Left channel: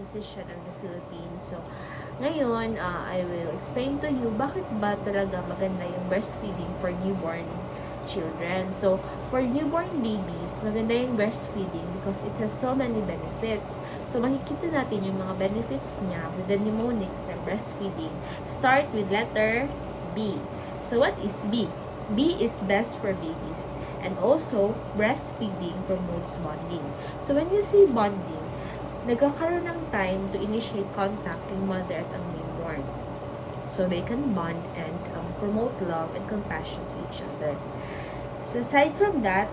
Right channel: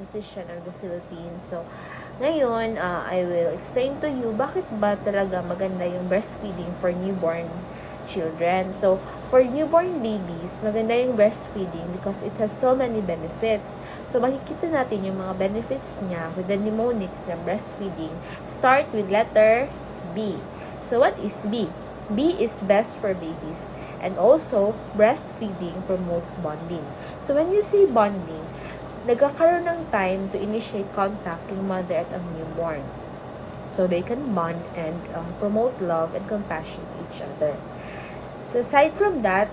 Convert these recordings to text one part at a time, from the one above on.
physician of the Philippines. So, ngayon, I will explain to you bakit ba talaga maganda yung breastfeeding for newborn children. So, for newborn babies, maganda yung breastfeeding because it has so many benefits. So, makikita natin yung mga benefits niya with the mnemonics ng breastfeeding. Start with letter B. So, what is B? B is best for babies. And also, breastfeeding promotes bonding. So, when you say bonding, nagkakaroon ng time to initiate contact yung mother at ang newborn. So, they can bond and promote love and compassion to each other. So, aside from that,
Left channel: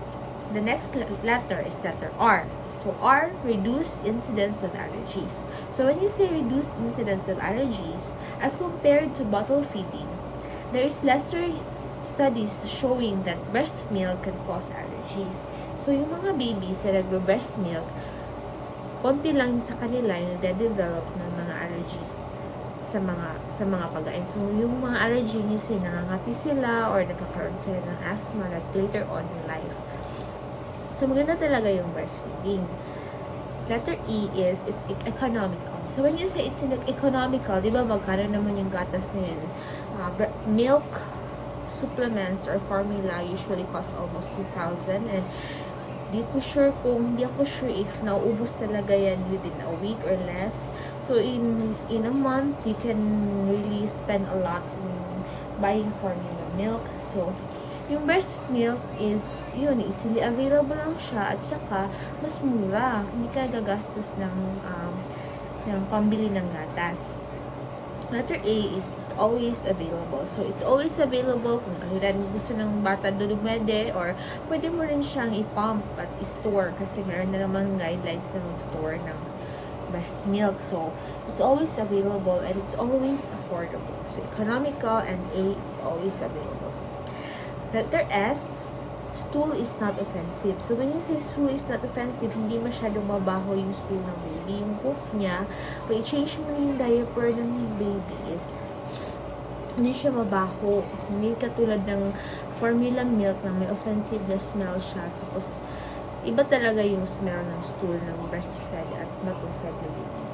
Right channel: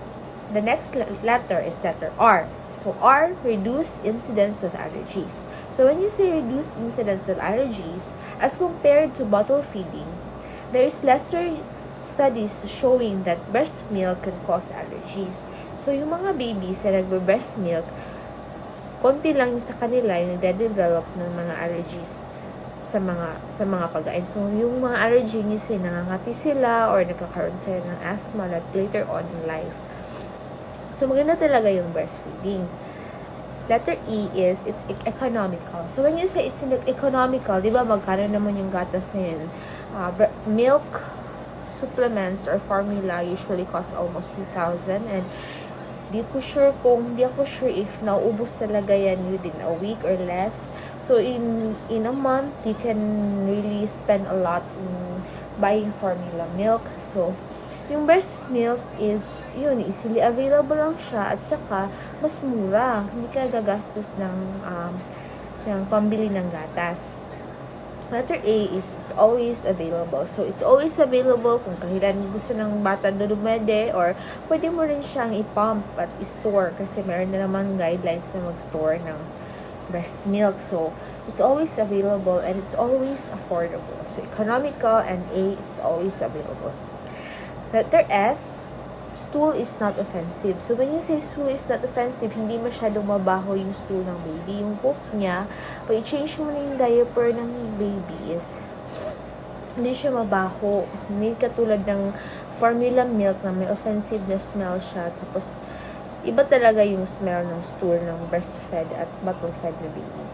the next letter is letter R. So, R, reduce incidence of allergies. So, when you say reduce incidence of allergies, as compared to bottle feeding, there is lesser studies showing that breast milk can cause allergies. So, yung mga babies na nagbe-breast milk, konti lang sa kanila yung nade-develop ng mga allergies sa mga pagkain. So, yung mga allergy niya nangangati sila or nagkakaroon sila ng asthma like later on in life. So, maganda talaga yung breastfeeding. Letter E is, it's economical. So, when you say it's economical, di ba magkano naman yung gatas ngayon? Milk supplements or formula usually cost almost 2,000, and hindi ako sure if nauubos talaga yan within a week or less. So in a month you can really spend a lot in buying formula milk. So yung breast milk is yun, easily available lang siya, at saka mas mura, hindi ka gagastos ng pambili ng gatas. Letter A is it's always available. So, it's always available kung kailan gusto ng bata dumede, or pwede mo rin siyang i-pump at i-store kasi meron na naman guidelines na mag-store ng breast milk. So, it's always available and it's always affordable. So, economical, and A, it's always available. Letter S, stool is not offensive. So, when you say stool is not offensive, hindi masyadong mabaho yung stool ng baby. Yung poop niya, pag i-change mo na yung diaper ng baby is, hindi siya mabaho. Hindi katulad ng formula milk na may offensive na smell siya. Tapos, iba talaga yung smell ng stool ng breastfed at bottle-fed na baby.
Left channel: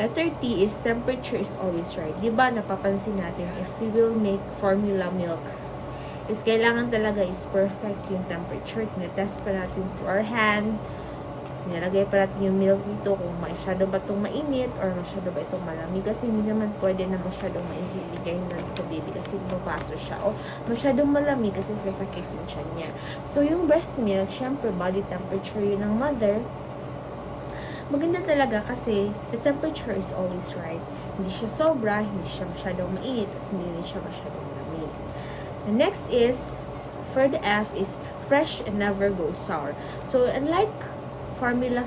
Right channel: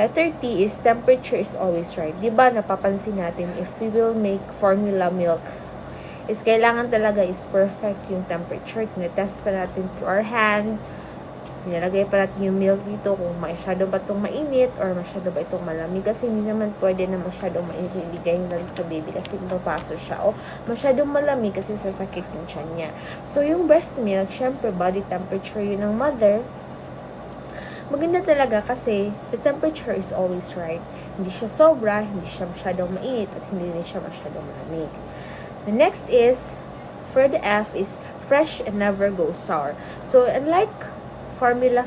Letter T is temperature is always right. Diba, napapansin natin, if we will make formula milk, is kailangan talaga is perfect yung temperature. Tinetest pa natin to our hand. Nilagay pa natin yung milk dito kung masyado ba itong mainit or masyado ba itong malamig. Kasi hindi naman pwede na masyadong mainit yung iligay lang sa baby kasi mapapaso siya. O masyadong malamig kasi sasakit yung tiyan niya. So yung breast milk, syempre body temperature yun ng mother. Maganda talaga kasi the temperature is always right. Hindi siya sobra, hindi siya masyadong mainit, at hindi rin siya masyadong malamig. The next is, for the F is fresh and never goes sour. So, unlike formula,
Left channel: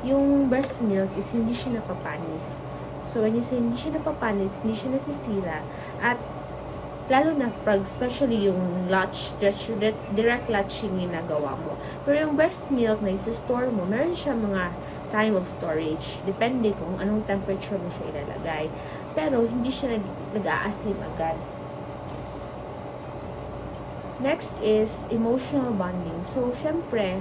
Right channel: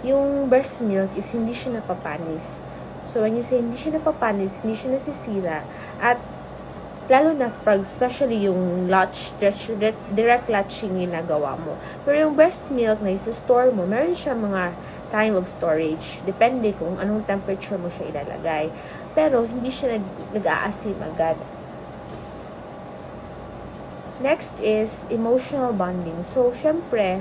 yung breast milk is hindi siya napapanis. So, when you say hindi siya napapanis, hindi siya nasisira, at lalo na pag especially yung direct latching ginagawa mo. Pero yung breast milk na isa-store mo, meron siya mga time of storage. Depende kung anong temperature mo siya ilalagay. Pero hindi siya nag-aasim agad. Next is emotional bonding. So, syempre,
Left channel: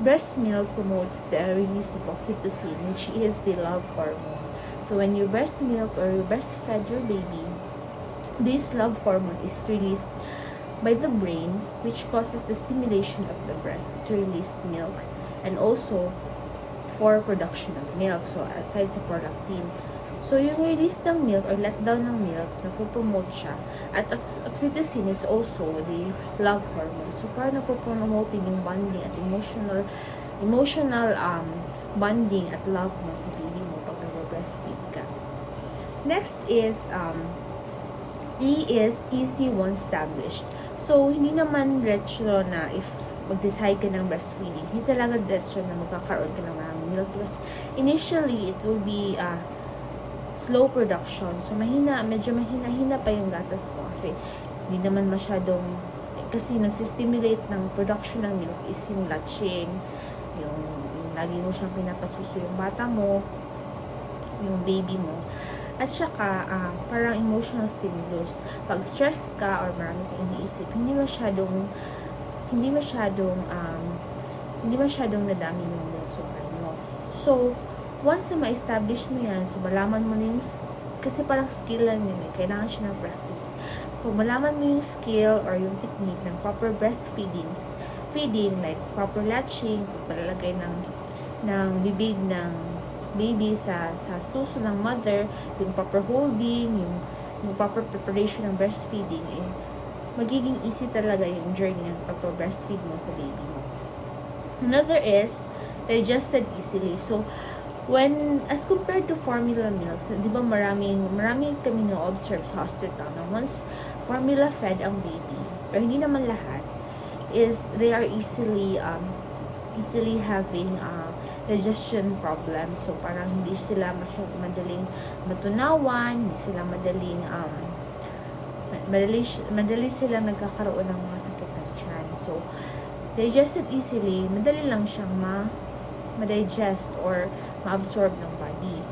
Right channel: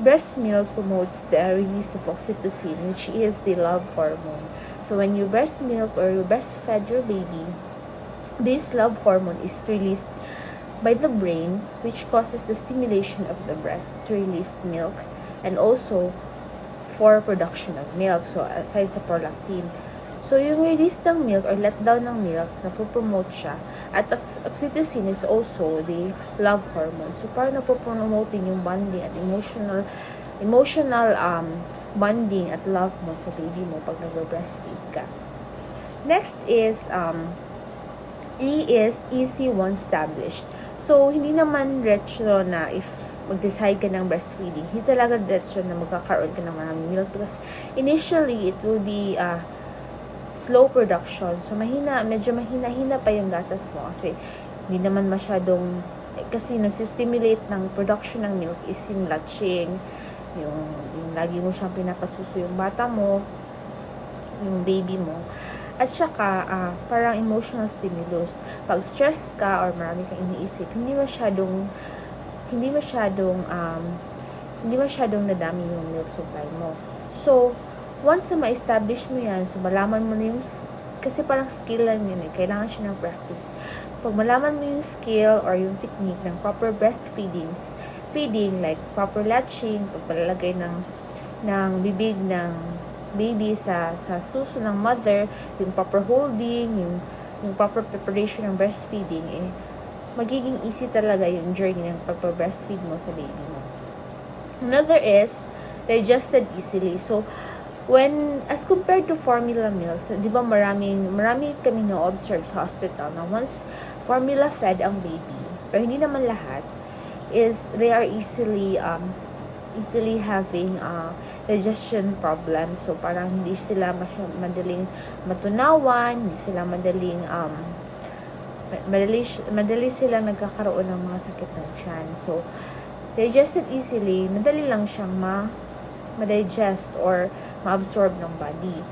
breast milk promotes the release of oxytocin, which is the love hormone. So, when you breast milk or you breastfed your baby, this love hormone is released by the brain, which causes the stimulation of the breast to release milk, and also for production of milk. So, aside sa prolactin. So, yung release ng milk or let down ng milk, napopromote siya. At oxytocin is also the love hormone. So, parang napopromoting yung bonding at emotional bonding at love mo sa baby mo pag nag-breastfeed ka. Next is, E is easy once established. So, hindi naman retro na if mag-decide ka ng breastfeeding, hindi talaga retro na magkakaroon ka ng maraming milk because initially, it will be slow production. So, medyo mahina pa yung gatas mo kasi hindi naman masyadong, kasi nagsistimulate ng production ng milk is yung latching, yung lagi mo siyang pinapasuso yung bata mo, yung baby mo. At saka, parang emotional stimulus. Pag stress ka or marami kang iniisip, hindi masyadong hindi masyadong nadami yung milk supply mo. So, once na ma-establish mo yan, so malaman mo na yung, kasi parang skill lang yun kailangan siya ng practice. Pag malaman mo yung skill or yung technique ng proper feeding, like proper latching, pagpalalagay ng bibig ng baby sa suso ng mother, yung proper holding, yung proper preparation ng breastfeeding, magiging easy talaga yung journey ng pagpa-breastfeed mo sa baby mo. Another is digested easily. So, as compared to formula milks, di ba marami kami na-observe sa hospital na once formula fed ang baby, pero hindi naman lahat, is they are easily having digestion problems. So, parang hindi sila madaling matunawan, hindi sila madali silang nagkakaroon ng mga sakit ng tiyan. So, digested easily, madali lang siyang ma-digest or ma-absorb ng body.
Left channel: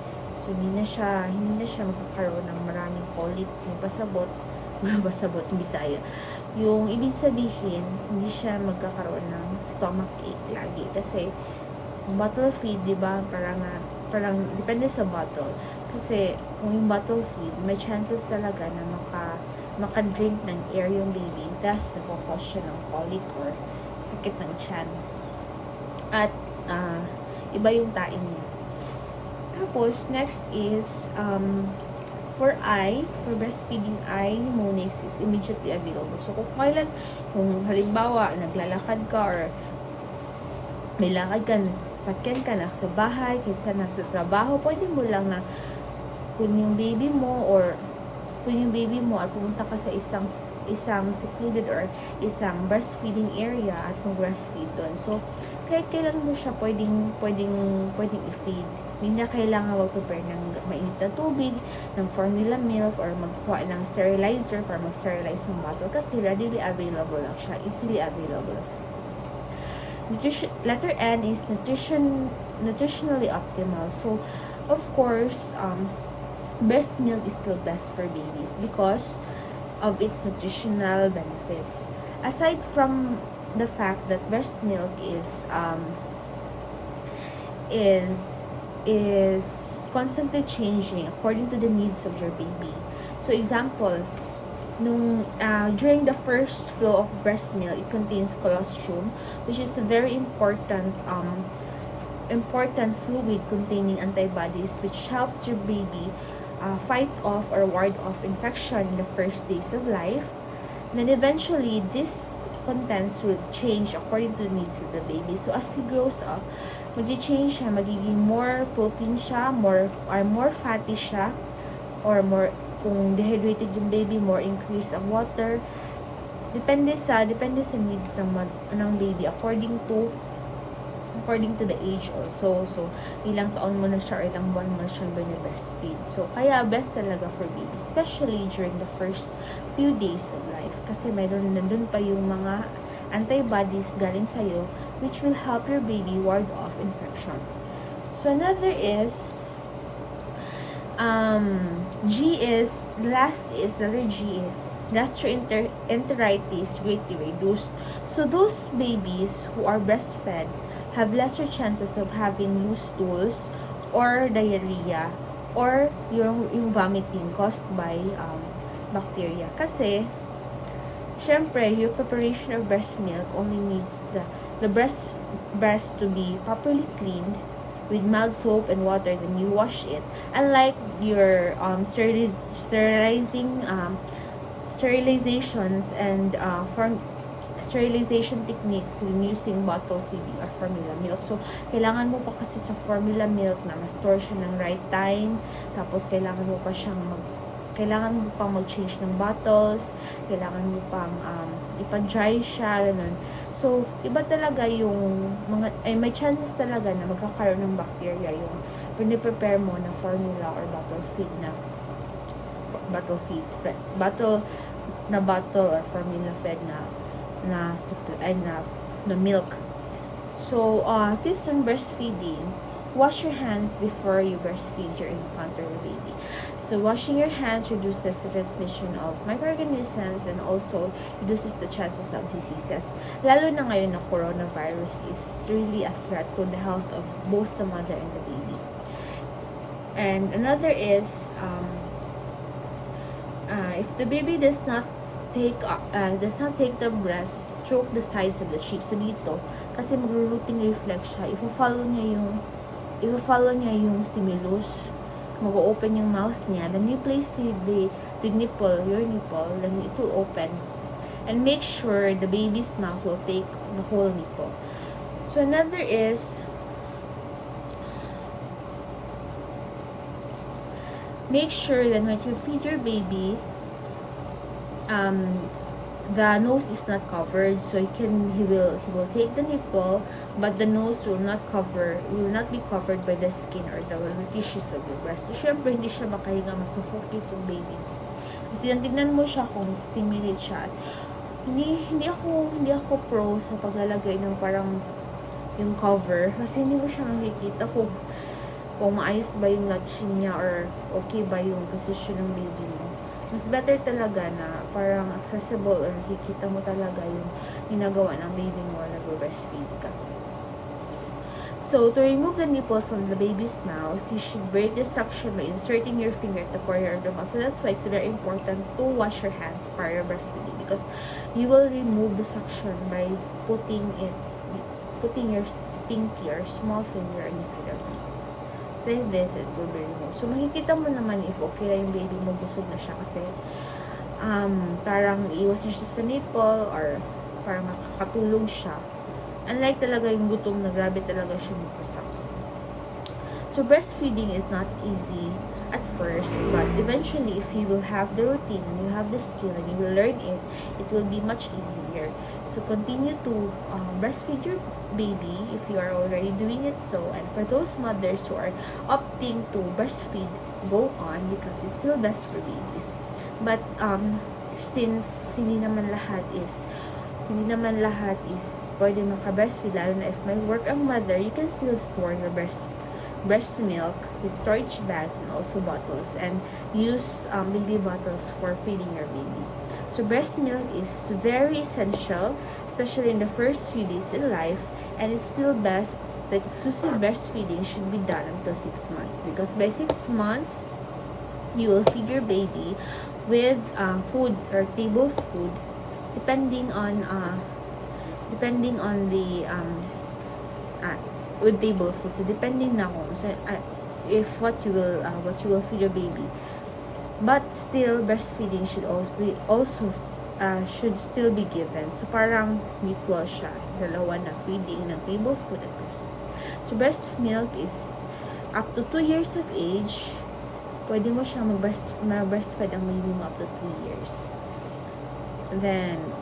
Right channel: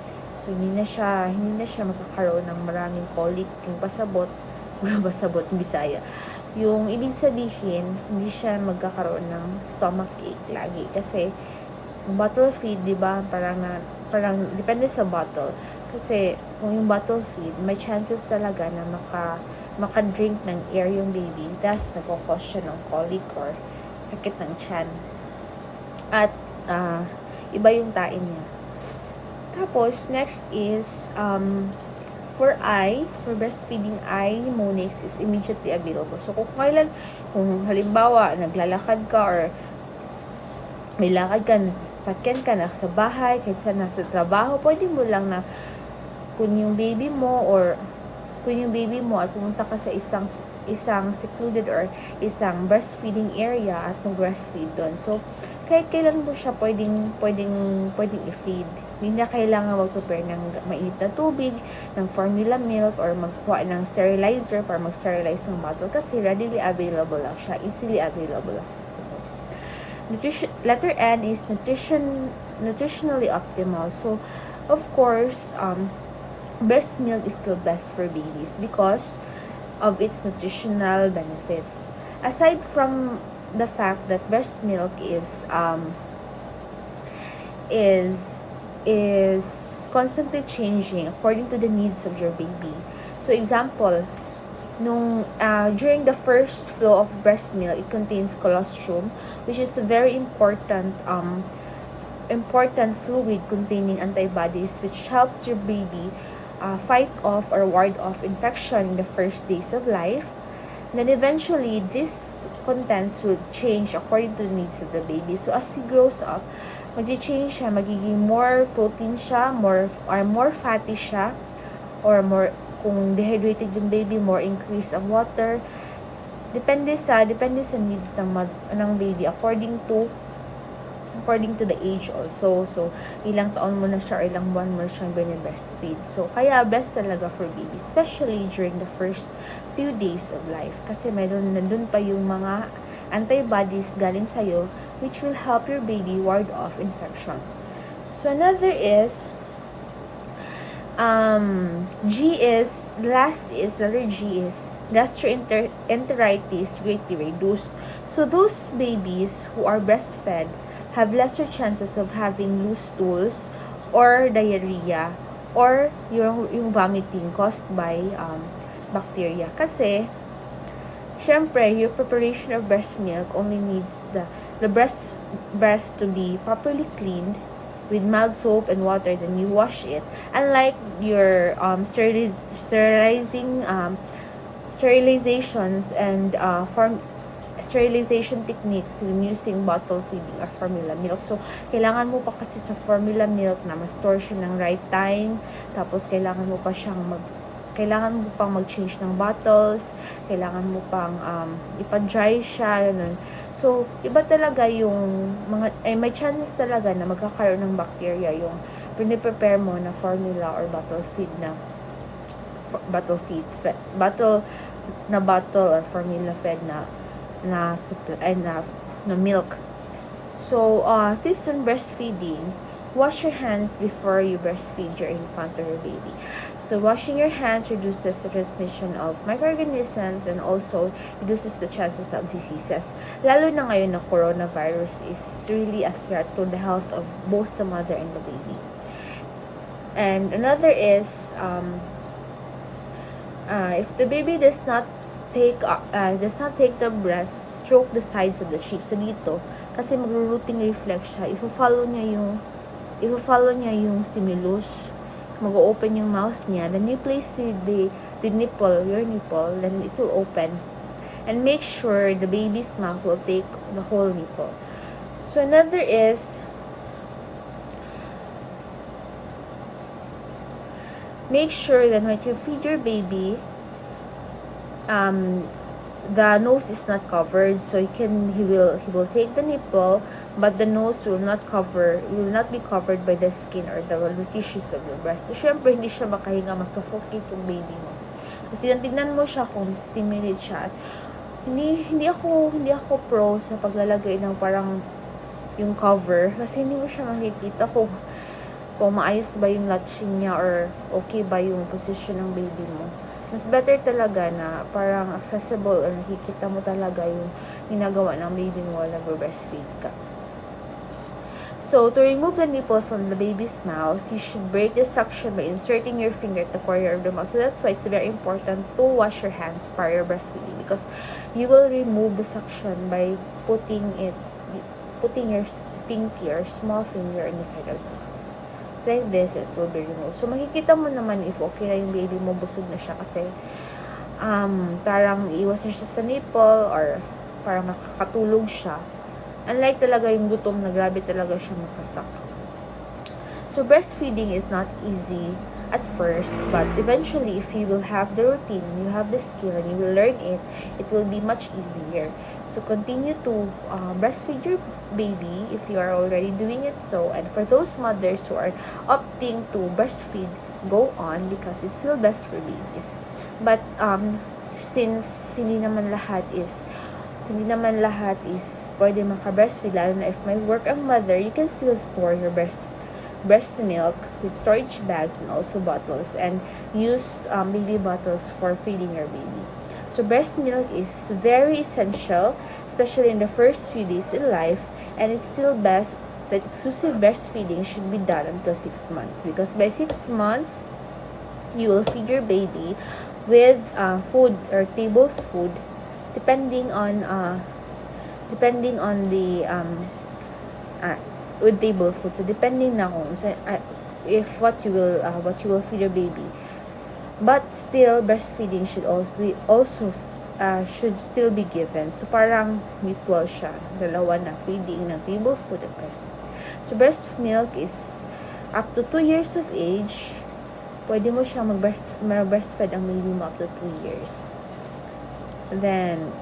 So, hindi na siya makakaroon ng maraming colic, yung pasabot, yung Bisaya. Yung ibig sabihin, hindi siya magkakaroon ng stomach ache lagi. Kasi, bottle feed, di ba, parang depende sa bottle. Kasi, kung yung bottle feed, may chances talaga na maka-drink ng air yung baby. Thus, nagkakos siya ng colic or sakit ng tiyan. At, iba yung tain niya. Tapos, next is, for breastfeeding Monix is immediately available. So, kung halimbawa, naglalakad ka or may lakad ka, nasasakyan ka, nasa bahay, kaysa nasa trabaho, pwede mo lang na kung yung baby mo at pumunta ka sa isang secluded or isang breastfeeding area at mag-breastfeed doon. So, kahit kailan mo siya pwedeng i-feed. Hindi na kailangan mag-prepare ng mainit na tubig, ng formula milk, or magkuha ng sterilizer para mag-sterilize ng bottle kasi readily available lang siya, easily available lang siya. Letter N is nutritionally optimal. So, of course, breast milk is still best for babies because of its nutritional benefits. Aside from the fact that breast milk is constantly changing according to the needs of your baby. So, example, during the first flow of breast milk, it contains colostrum, which is a very important fluid containing antibodies, which helps your baby fight off or ward off infection in the first days of life. And then eventually, this contents will change according to the needs of the baby. So, as he grows up, mag-change siya, magiging more protein siya, more fatty siya, or more, kung dehydrated yung baby, more increase ang water. Depende sa needs ng baby according to the age also. So, ilang taon mo na siya or ilang buwan mo na siyang breastfeed. So, kaya best talaga for baby, especially during the first few days of life. Kasi nandun pa yung mga antibodies galing sa'yo which will help your baby ward off infection. So, another is letter G is gastroenteritis greatly reduced. So, those babies who are breastfed have lesser chances of having loose stools or diarrhea or yung vomiting caused by bacteria. Kasi, syempre, your preparation of breast milk only needs the breast to be properly cleaned with mild soap and water, then you wash it. Unlike your sterilizations and sterilization techniques when using bottle feeding or formula milk. So, kailangan mo pa kasi sa formula milk na ma-store siya ng right time. Tapos, kailangan mo pang mag-change ng bottles, kailangan mo pang ipa-dry siya, ganun. So, iba talaga yung may chances talaga na magkakaroon ng bacteria yung piniprepare mo na formula or bottle or formula fed na milk. So, tips on breastfeeding. wash your hands before you breastfeed your infant or your baby. So washing your hands reduces the transmission of microorganisms and also reduces the chances of diseases. Lalo na ngayon na coronavirus is really a threat to the health of both the mother and the baby. And another is if the baby does not take the breast, stroke the sides of the cheek. So dito, kasi magro-rooting reflex siya, ifo-follow niya yung stimulus, mag-open yung mouth niya, then you place the nipple, your nipple, then it will open. And make sure the baby's mouth will take the whole nipple. So another is, make sure that when you feed your baby, the nose is not covered, so he will take the nipple, but the nose will not be covered by the skin or the tissues of the breast. So syempre hindi siya makahinga, masuffocate yung baby mo. Kasi tignan mo siya kung stimulate siya. At hindi ako pro sa paglalagay ng parang yung cover, kasi hindi mo siya makikita kung maayos ba yung latching niya or okay ba yung position ng baby mo. Mas better talaga na parang accessible or nakikita mo talaga yung ginagawa ng baby mo while nag-breastfeed ka. So, to remove the nipple from the baby's mouth, you should break the suction by inserting your finger at the corner of the mouth. So, that's why it's very important to wash your hands prior breastfeeding, because you will remove the suction by putting your pinky or small finger inside of the mouth. Like this, it will be removed. So, makikita mo naman if okay na yung baby mo, busog na siya kasi parang iwas na siya sa nipple or parang makakatulog siya. Unlike talaga yung gutom na grabe talaga siya makasak. So, breastfeeding is not easy at first, but eventually, if you will have the routine and you have the skill and you will learn it, it will be much easier. So continue to breastfeed your baby if you are already doing it so. And for those mothers who are opting to breastfeed, go on, because it's still best for babies. But since hindi naman lahat is pwede maka-breastfeed, lalo na if may work ang mother, you can still store your breast milk with storage bags and also bottles, and use baby bottles for feeding your baby. So breast milk is very essential, especially in the first few days in life, and it's still best that exclusive breastfeeding should be done until 6 months, because by 6 months you will feed your baby with food or table food, depending on the with table food. So depending na kung if what you will feed your baby. But still, breastfeeding should still be given. So parang mutual siya, dalawa na, feeding ng table food at breast. So breast milk is up to 2 years of age. Pwede mo siya mag-breastfeed ang baby mo up to 2 years. Then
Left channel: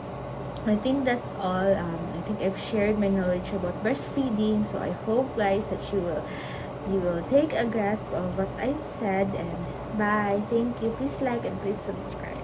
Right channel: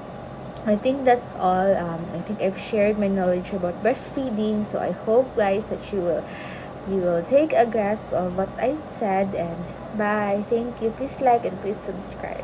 I think that's all. I think I've shared my knowledge about breastfeeding. So I hope, guys, that you will take a grasp of what I've said. And bye. Thank you. Please like and please subscribe.